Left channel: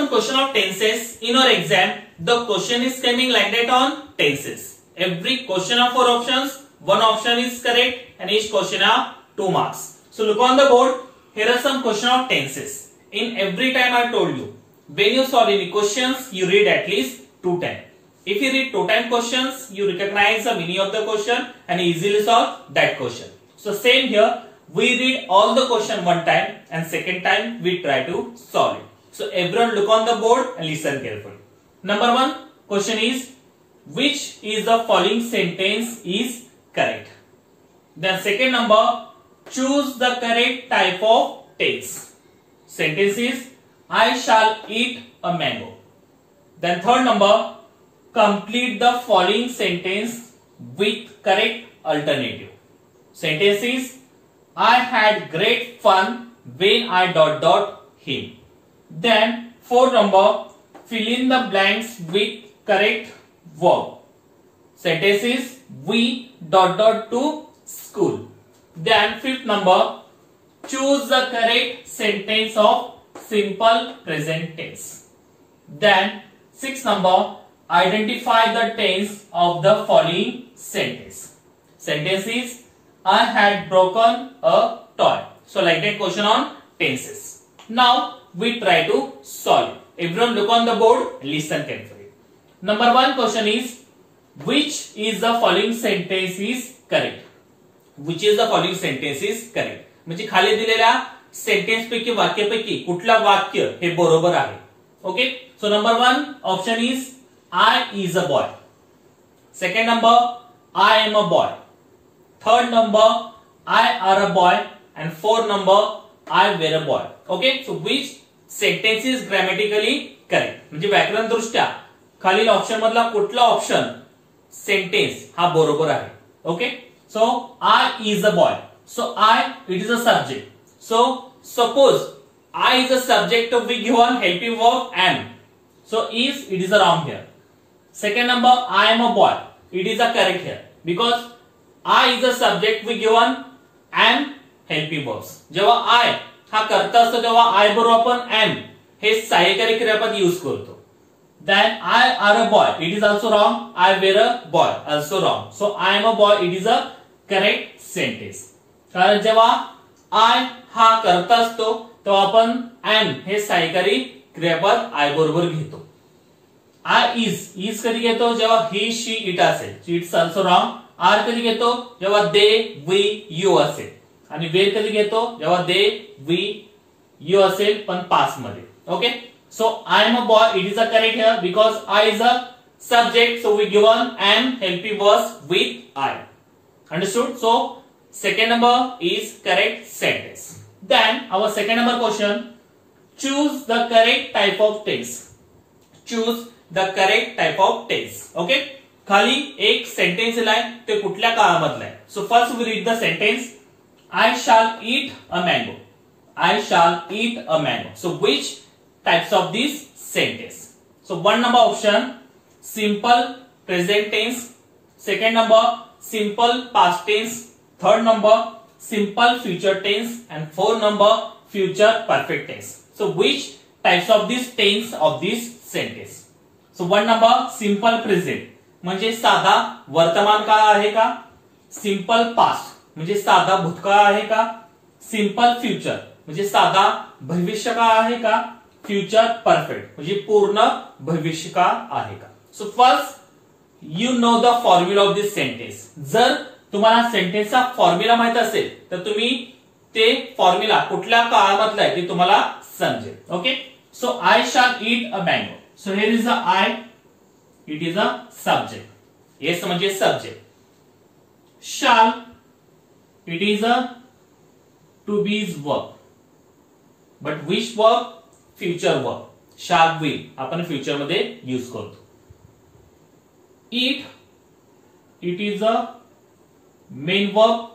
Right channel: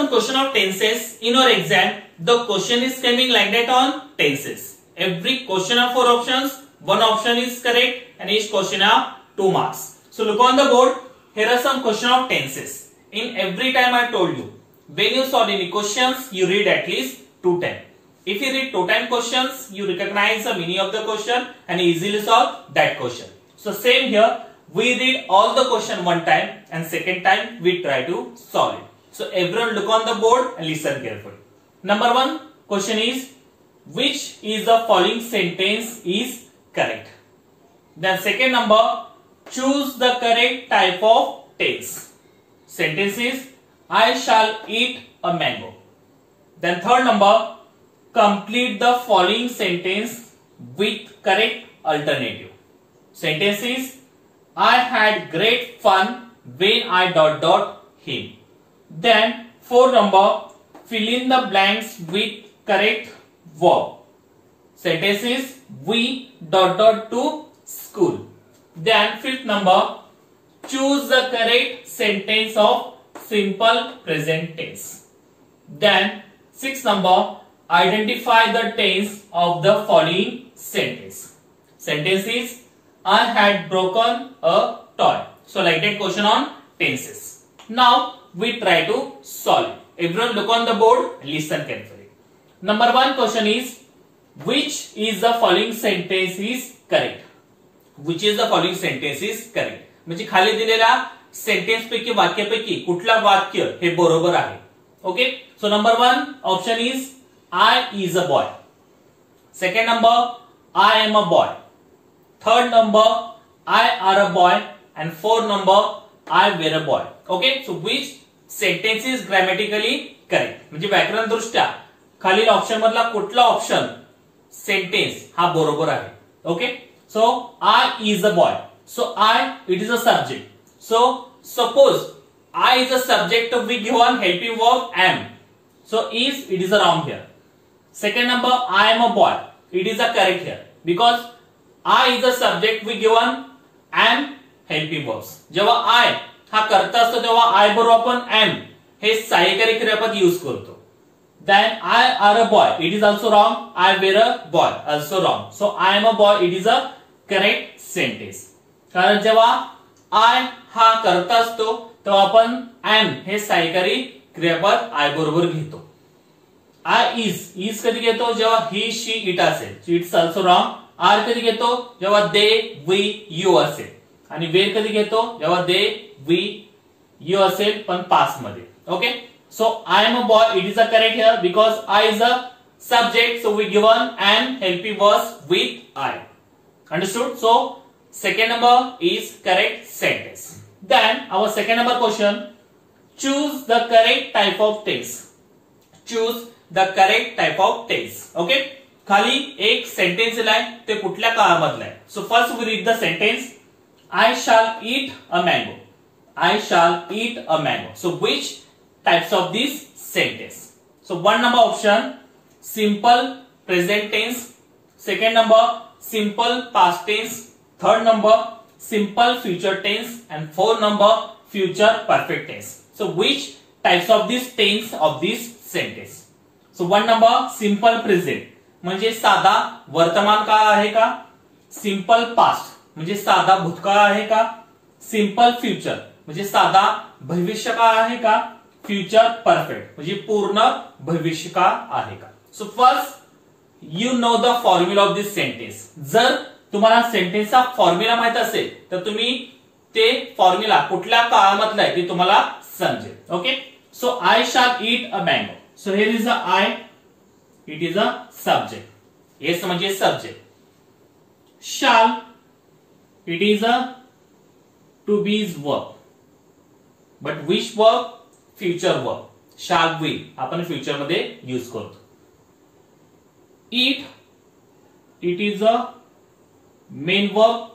some question of tenses in our exam. The question is coming like that on tenses. Every question have 4 options. One option is correct and each question have 2 marks. So look on the board. Here are some question of tenses. In every time I told you, when you solve any questions, you read at least 2 times. If you read 2 times questions, you recognize the meaning of the question and easily solve that question. So same here, we read all the question 1 time and second time we try to solve it. So everyone look on the board and listen carefully. Number 1 question is, which is the following sentence is correct? Then second number, choose the correct type of tense. Sentence is, I shall eat a mango. Then third number, complete the following sentence with correct alternative. Sentence is, I had great fun when I ... him. Then fourth number, fill in the blanks with correct verb. Sentence is, we ... to school. Then fifth number, choose the correct sentence of simple present tense. Then sixth number, identify the tense of the following sentence. Sentence is, I had broken a toy. So like that question on tenses. Now we try to solve it. Everyone look on the board, listen carefully. Number 1 question is, which is the following sentence is correct? Which is the following sentence is correct? म्हणजे खाली दिलेल्या sentence पैकी वाक्यापैकी कुठला वाक्य हे बरोबर आहे. Okay, so number 1 option is, I is a boy. Second number, I am a boy. Third number, I are a boy. And fourth number, I were a boy. Okay, so which sentence is grammatically correct? म्हणजे व्याकरण दृष्ट्या खालील option मधला कुठला option sentence हा बरोबर आहे. Okay, so I is a boy. So I, it is a subject. So suppose I is a subject, we given helping verb am. So is, it is a wrong here. Second number, I am a boy. It is a correct here because I is a subject, we given am helping verbs. जेव्हा I हा करता असतो तेव्हा I बरोबर आपण am हे सहाय्यकारी क्रियापद use करतो. Then I are a boy. It is also wrong. I were a boy. Also wrong. So I am a boy. It is a correct sentence. कारण जेव्हा I हा करता असतो तेव्हा आपण am हे सहाय्यकारी क्रियापद I बरोबर घेतो. I is कधी घेतो जेव्हा he she it असेल. It's also wrong. Are कधी घेतो जेव्हा they we you असेल. आणि were कधी घेतो जेव्हा they we you असेल पण past मध्ये. Okay, so I am a boy. It is a correct here because I is a subject, so we given am helping verbs with I. Understood? So second number is correct sentence. Then our second number question, choose the correct type of tense. Choose the correct type of tense. Okay, खाली एक sentence दिलाय ते कुठल्या काळामधला आहे. So first we read the sentence, I shall eat a mango. I shall eat a mango. So which types of this sentence? So 1 number option, simple present tense. Second number, simple past tense. Third number, simple future tense. And 4 number, future perfect tense. So which types of this tense of this sentence? So 1 number, simple present म्हणजे साधा वर्तमान काळ आहे का? Simple past म्हणजे साधा भूतकाळ आहे का? सिंपल फ्युचर म्हणजे साधा भविष्य काळ आहे का? फ्युचर परफेक्ट म्हणजे पूर्ण भविष्य काळ आहे का? So first you know the formula of this sentence. जर तुम्हाला सेंटेन्सचा फॉर्म्युला माहित असेल तर तुम्ही ते फॉर्म्युला कुठल्या काळामधला आहे ते तुम्हाला समजेल. Okay, so I shall eat a mango. So here is a I, it is a subject. Yes म्हणजे subject. Shall, it is a to be's verb. But which verb? Future verb. Shall will आपण future मध्ये use करतो. Eat, it is a main verb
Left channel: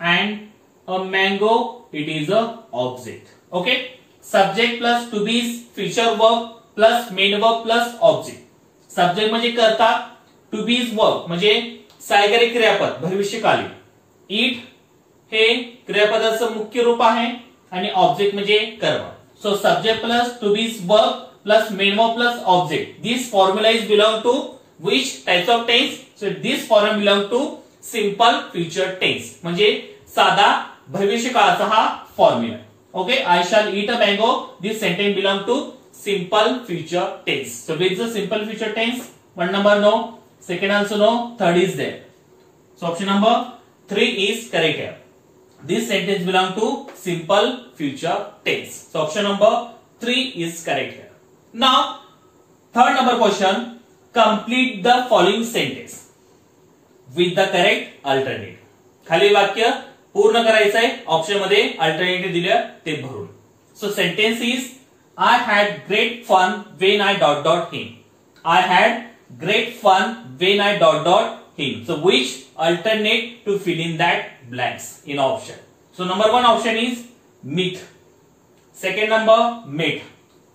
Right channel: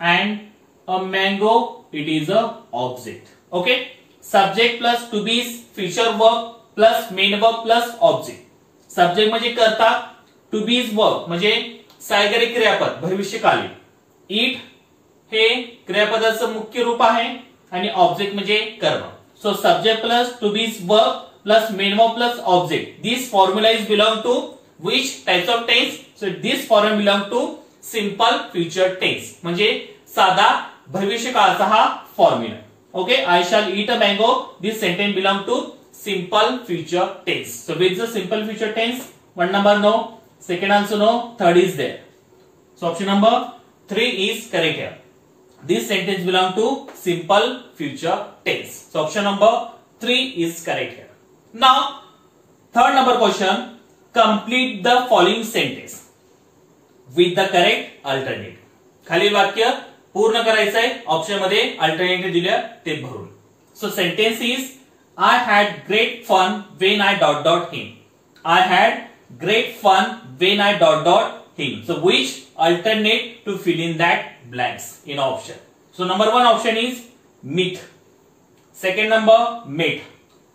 and a mango, it is a object. Okay, subject plus to be future verb plus main verb plus object. Subject म्हणजे करता, to be verb म्हणजे सहाय्यकारी क्रियापद भविष्यकाली. eat हे क्रियापदाचं मुख्य रूप आहे आणि object म्हणजे कर्म. So subject plus to be verb plus main verb plus object. This formula is belong to which types of tense? So this formula belong to simple future tense. म्हणजे साधा भविष्य काळाचा हा formula. Okay, I shall eat a mango. This sentence belong to simple future tense. So which is the simple future tense? One number no, second also no, third is there. So option number 3 is correct here. This sentence belong to simple future tense. So option number 3 is correct here. Now third number question, complete the following sentence with the correct alternative. खाली वाक्य पूर्ण करायचं आहे. Option मध्ये alternative दिले ते भरून. So sentence is I had great fun when I ... him. I had great fun when I ... him. So which alternate to fill in that blanks in option? So number 1 option is meet. Second number met.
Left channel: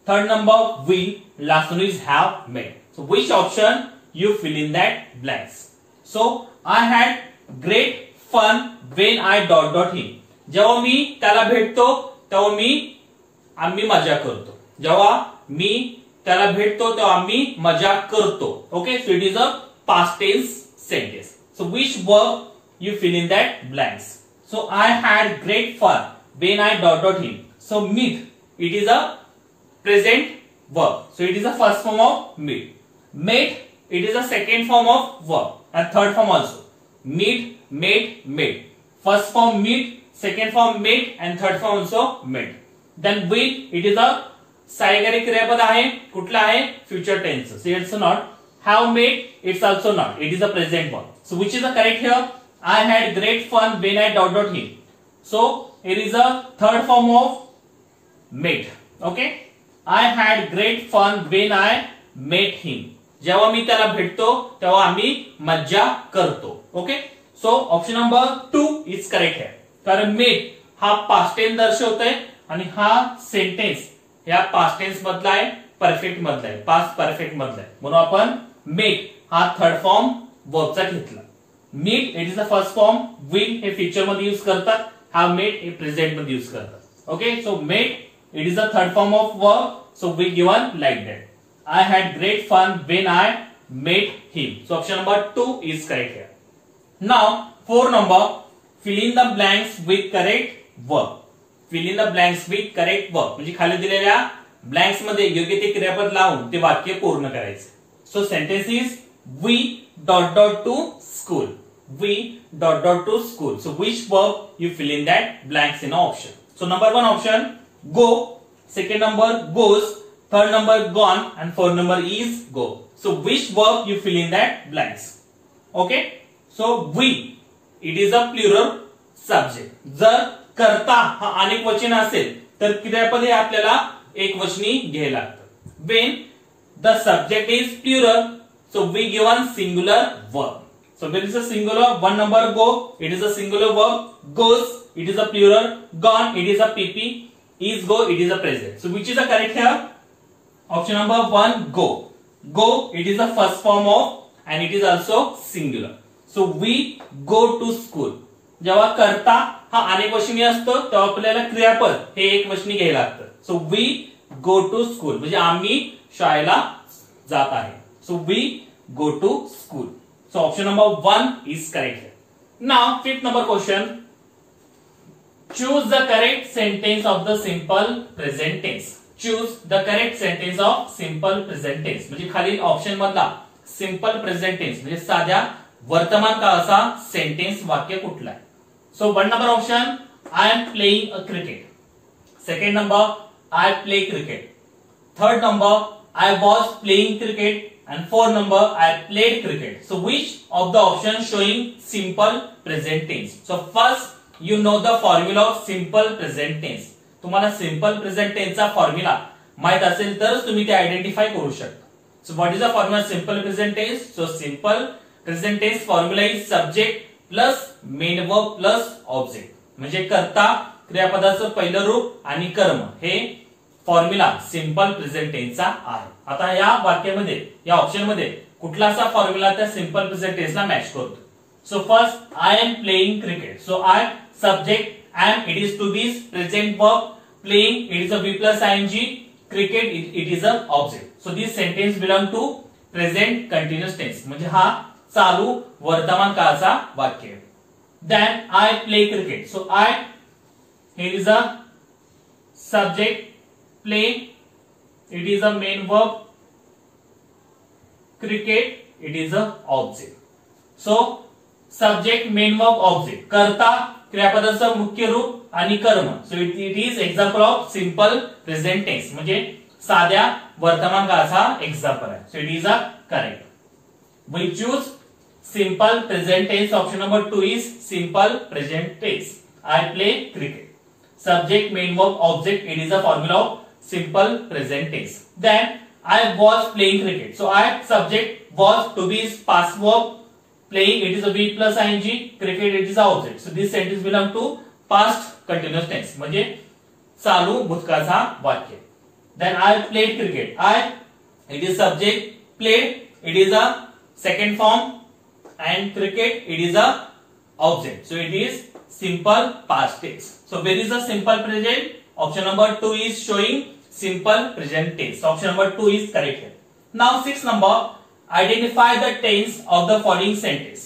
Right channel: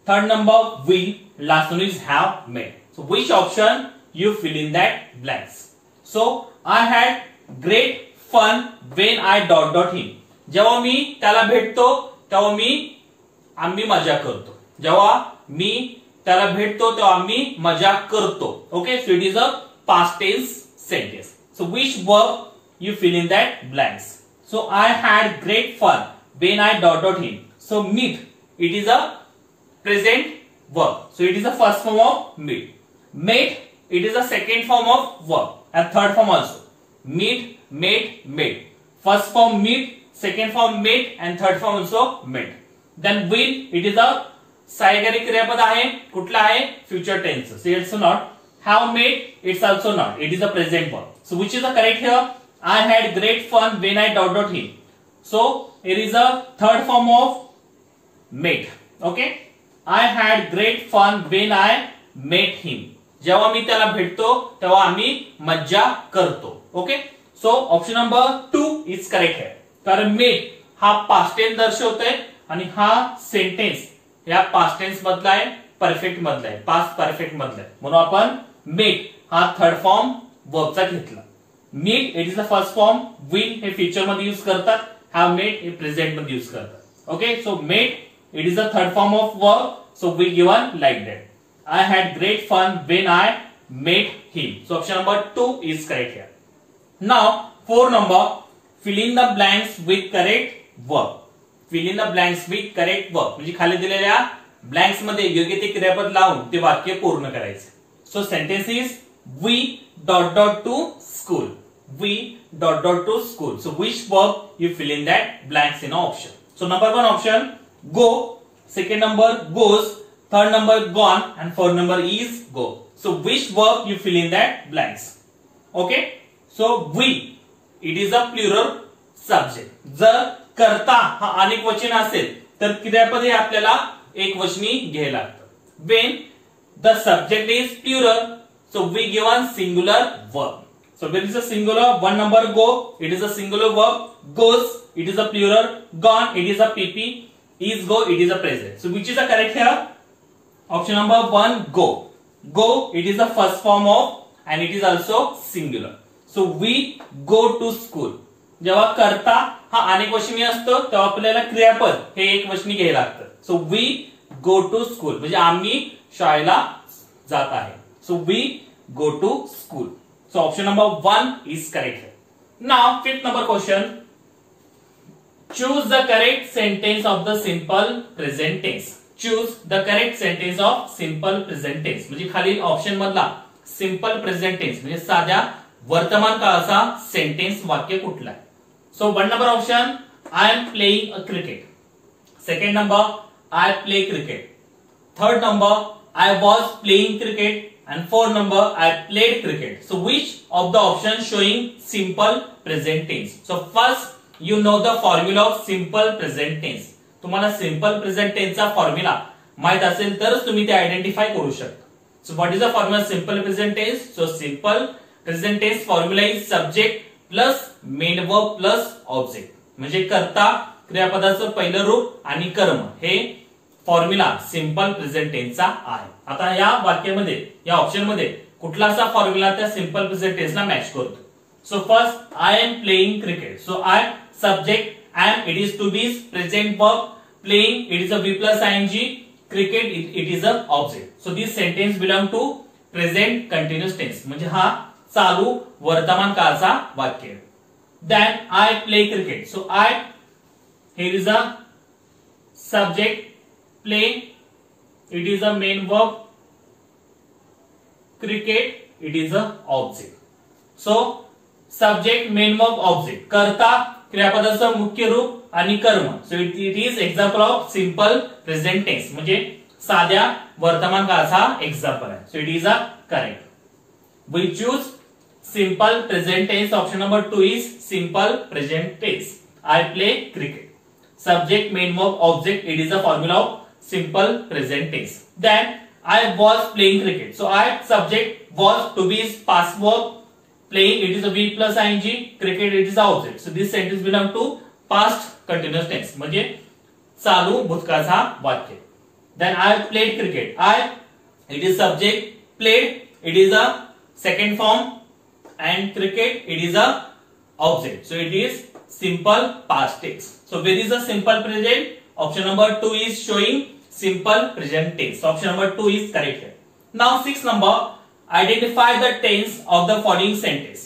Third number will. Last one is have met. So which option you fill in that blanks? So I had great fun when I ... him. जेव्हा मी त्याला भेटतो तेव्हा आम्ही मजा करतो. जेव्हा मी त्याला भेटतो तेव्हा आम्ही मजा करतो. Okay, so it is a past tense sentence. So which verb you fill in that blanks? So I had great fun when I ... him. So meet, it is a present verb. So it is the first form of meet. Met, it is the second form of verb and third form also. Meet, met, met. First form meet, second form met and third form also met. Then will, it is a सहाय्यकारी क्रियापद आहे. कुठला आहे? Future tense. So it's not. Have met, it's also not. It is a present verb. So which is the correct here? I had great fun when I ... him. So it is a third form of met. Okay. I had great fun when I met him. जेव्हा मी त्याला भेटतो तेव्हा आम्ही मज्जा करतो. Okay. So option number 2 is correct है. कारण met हा पास्ट टेन्स दर्शवतोय आणि हा सेंटेन्स या पास्ट टेन्स मधला आहे, परफेक्ट मधला आहे, पास्ट परफेक्ट मधला आहे. म्हणून आपण मेट हा थर्ड फॉर्म वर्बचा घेतला. Meet it is the first form. Will हे फ्युचर मध्ये यूज करतात. हॅव मेट हे प्रेझेंट मध्ये यूज करतात. Okay. So met it is the third form of verb. So we given like that. I had great fun when I met him. So option number 2 is correct here. Now 4 number, fill in the blanks with correct verb. Fill in the blanks with correct verb. म्हणजे खाली दिलेल्या blanks मध्ये योग्य ते क्रियापद लावून ते वाक्य पूर्ण करायचे. So sentence is we ... to school. We ... to school. So which verb you fill in that blanks in option? So number 1 option go, second number goes, third number gone and fourth number is go. So which verb you fill in that blanks? Okay. So we, it is a plural subject. जर कर्ता हा अनेक वचन असेल तर क्रियापद हे आपल्याला एक वचनी घ्यायला लागतं. When the subject is plural, so we given singular verb. So there is a singular. One number go, it is a singular verb. Goes, it is a plural. Gone, it is a PP. Is go, it is a present. So which is the correct here? Option number 1 go. Go, it is the first form of and it is also singular. So we go to school. जेव्हा कर्ता हा अनेक वचनी असतो तेव्हा आपल्याला क्रियापद हे एक वचनी घ्यायला लागतं. So we go to school म्हणजे आम्ही शाळेला जात आहे. So we go to school. So option number 1 is correct here. Now fifth number question. Choose the correct sentence of the simple present tense. Choose the correct sentence of simple present tense. म्हणजे खालील option मधला simple present tense म्हणजे साध्या वर्तमान काळाचा sentence वाक्य कुठला आहे? सो 1 number option I am playing a cricket. Second number I play cricket. Third number I was playing cricket and fourth number I played cricket. So which of the options showing simple present tense? So first you know the formula of simple present tense. तुम्हाला simple present टेन्सचा formula माहित असेल तरच तुम्ही ते identify करू शकता. So what is the formula simple present tense? So simple present tense formula is subject plus main verb plus object. म्हणजे कर्ता क्रियापदाचं पहिलं रूप आणि कर्म हे फॉर्म्युला सिंपल प्रेझेंट टेन्सचा आहे. आता या वाक्यामध्ये या ऑप्शन मध्ये कुठला असा फॉर्म्युला त्या सिंपल प्रेझेंट टेन्सला मॅच करतो? So first I am playing cricket. So I subject am, it is to be present verb playing, it is a V plus ing, cricket, it is a object. So this sentence belong to present continuous tense. म्हणजे हा चालू वर्तमान काळाचा वाक्य आहे. Then I play cricket. So I, here is a subject, play, it is a main verb, cricket, it is a object. So subject, main verb, object. कर्ता क्रियापदाचं मुख्य रूप आणि कर्म. So it is example of simple present tense. म्हणजे साध्या वर्तमान काळाचा example आहे. So it is a correct. We choose simple present tense. Option number 2 is simple present tense. I play cricket. Subject, main verb, object, it is a formula of simple present tense. Then I was playing cricket. So I, subject, was, to be is past verb, playing, it is a V plus ing, cricket, it is a object. So this sentence belong to past continuous tense. म्हणजे चालू भूतकाळाचा वाक्य. Then I played cricket. I, it is subject, played, it is a second form, and cricket, it is a object. So it is simple past tense. So where is the simple present? Option number 2 is showing simple present tense. So option number 2 is correct here. Now 6 number, identify the tense of the following sentence.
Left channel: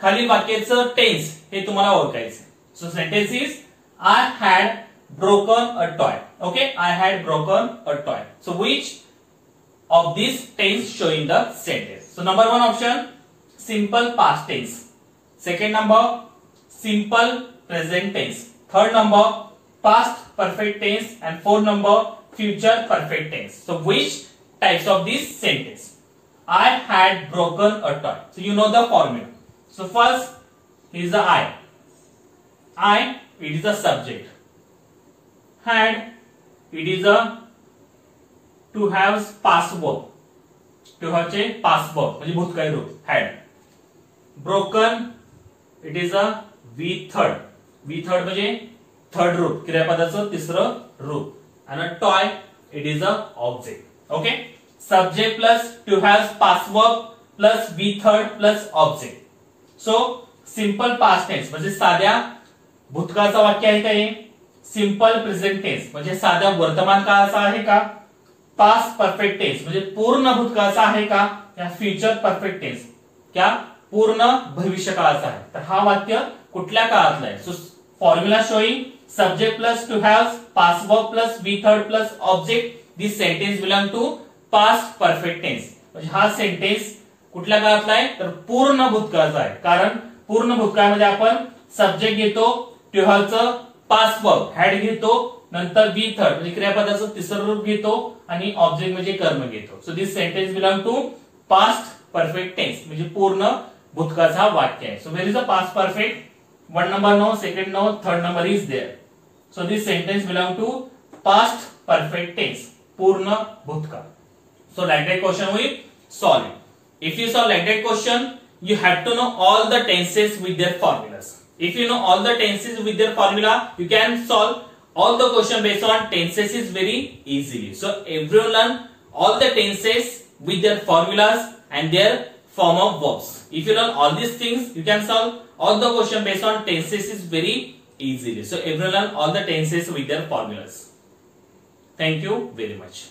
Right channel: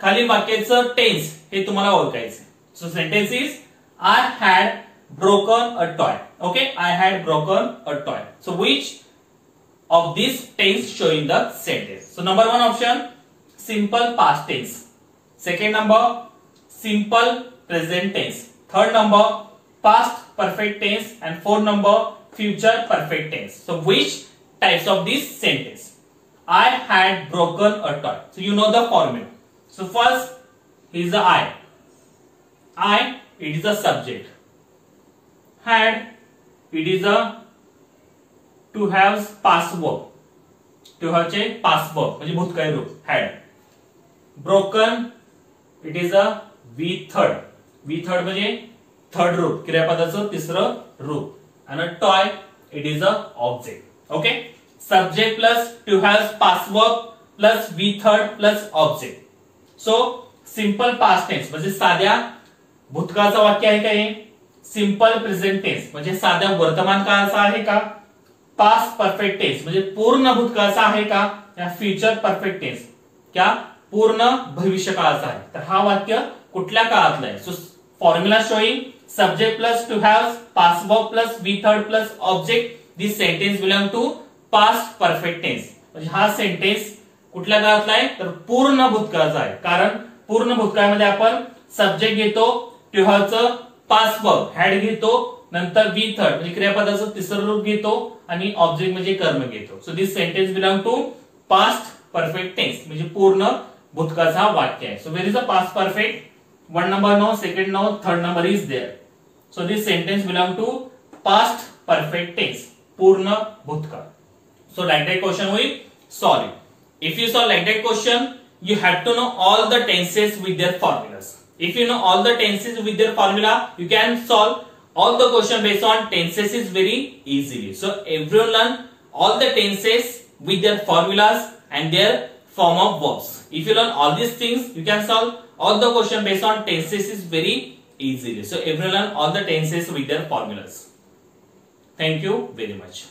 खाली वाक्याचं tense हे तुम्हाला ओळखायचं. So sentence is I had broken a toy. Okay, I had broken a toy. So which of these tense showing the sentence? So number 1 option, simple past tense. Second number, simple present tense. Third number, past perfect tense, and fourth number, future perfect tense. So which types of this sentence? I had broken a toy. So you know the formula. So first is the I. I, it is a subject. Had, it is a to have past verb. To have चे past verb म्हणजे भूतकाळी रूप. Had. Broken, it is a V third. V third म्हणजे third रूप, क्रियापदाचं तिसरं रूप. आणि toy, it is a object. Okay, subject plus to have past verb plus V third plus object. So simple past tense म्हणजे साध्या भूतकाळाचं वाक्य आहे का हे? सिंपल प्रेझेंट टेन्स म्हणजे साध्या वर्तमान काळाचा आहे का? पास्ट परफेक्ट टेन्स म्हणजे पूर्ण भूतकाळाचा आहे का? या फ्युचर परफेक्ट टेन्स क्या पूर्ण भविष्य काळाचा आहे? तर हा वाक्य कुठल्या काळातला आहे? So formula showing subject plus to have past verb plus V third plus object. This sentence belong to past perfect tense. म्हणजे हा सेंटेन्स कुठल्या काळातला आहे? तर पूर्ण भूतकाळाचा आहे. कारण पूर्ण भूतकाळामध्ये आपण सब्जेक्ट घेतो, टू हॅव चं पास्ट वर्ब हॅड घेतो, नंतर V थर्ड म्हणजे क्रियापदाचं तिसरं रूप घेतो आणि ऑब्जेक्ट म्हणजे कर्म घेतो. So this sentence belong to past perfect tense म्हणजे पूर्ण भूतकाळाचा वाक्य आहे. So where is a past perfect? 1 number no, second no, third number is there. So this sentence belong to past perfect tense, पूर्ण भूतकाळ. So like that question we solve it. If you solve like that question, you have to know all the tenses with their formulas. If you know all the tenses with their formula, you can solve all the question based on tenses is very easily. So everyone learn all the tenses with their formulas and their form of verbs. If you learn all these things, you can solve all the question based on tenses is very easily. So everyone learn all the tenses with their formulas. Thank you very much.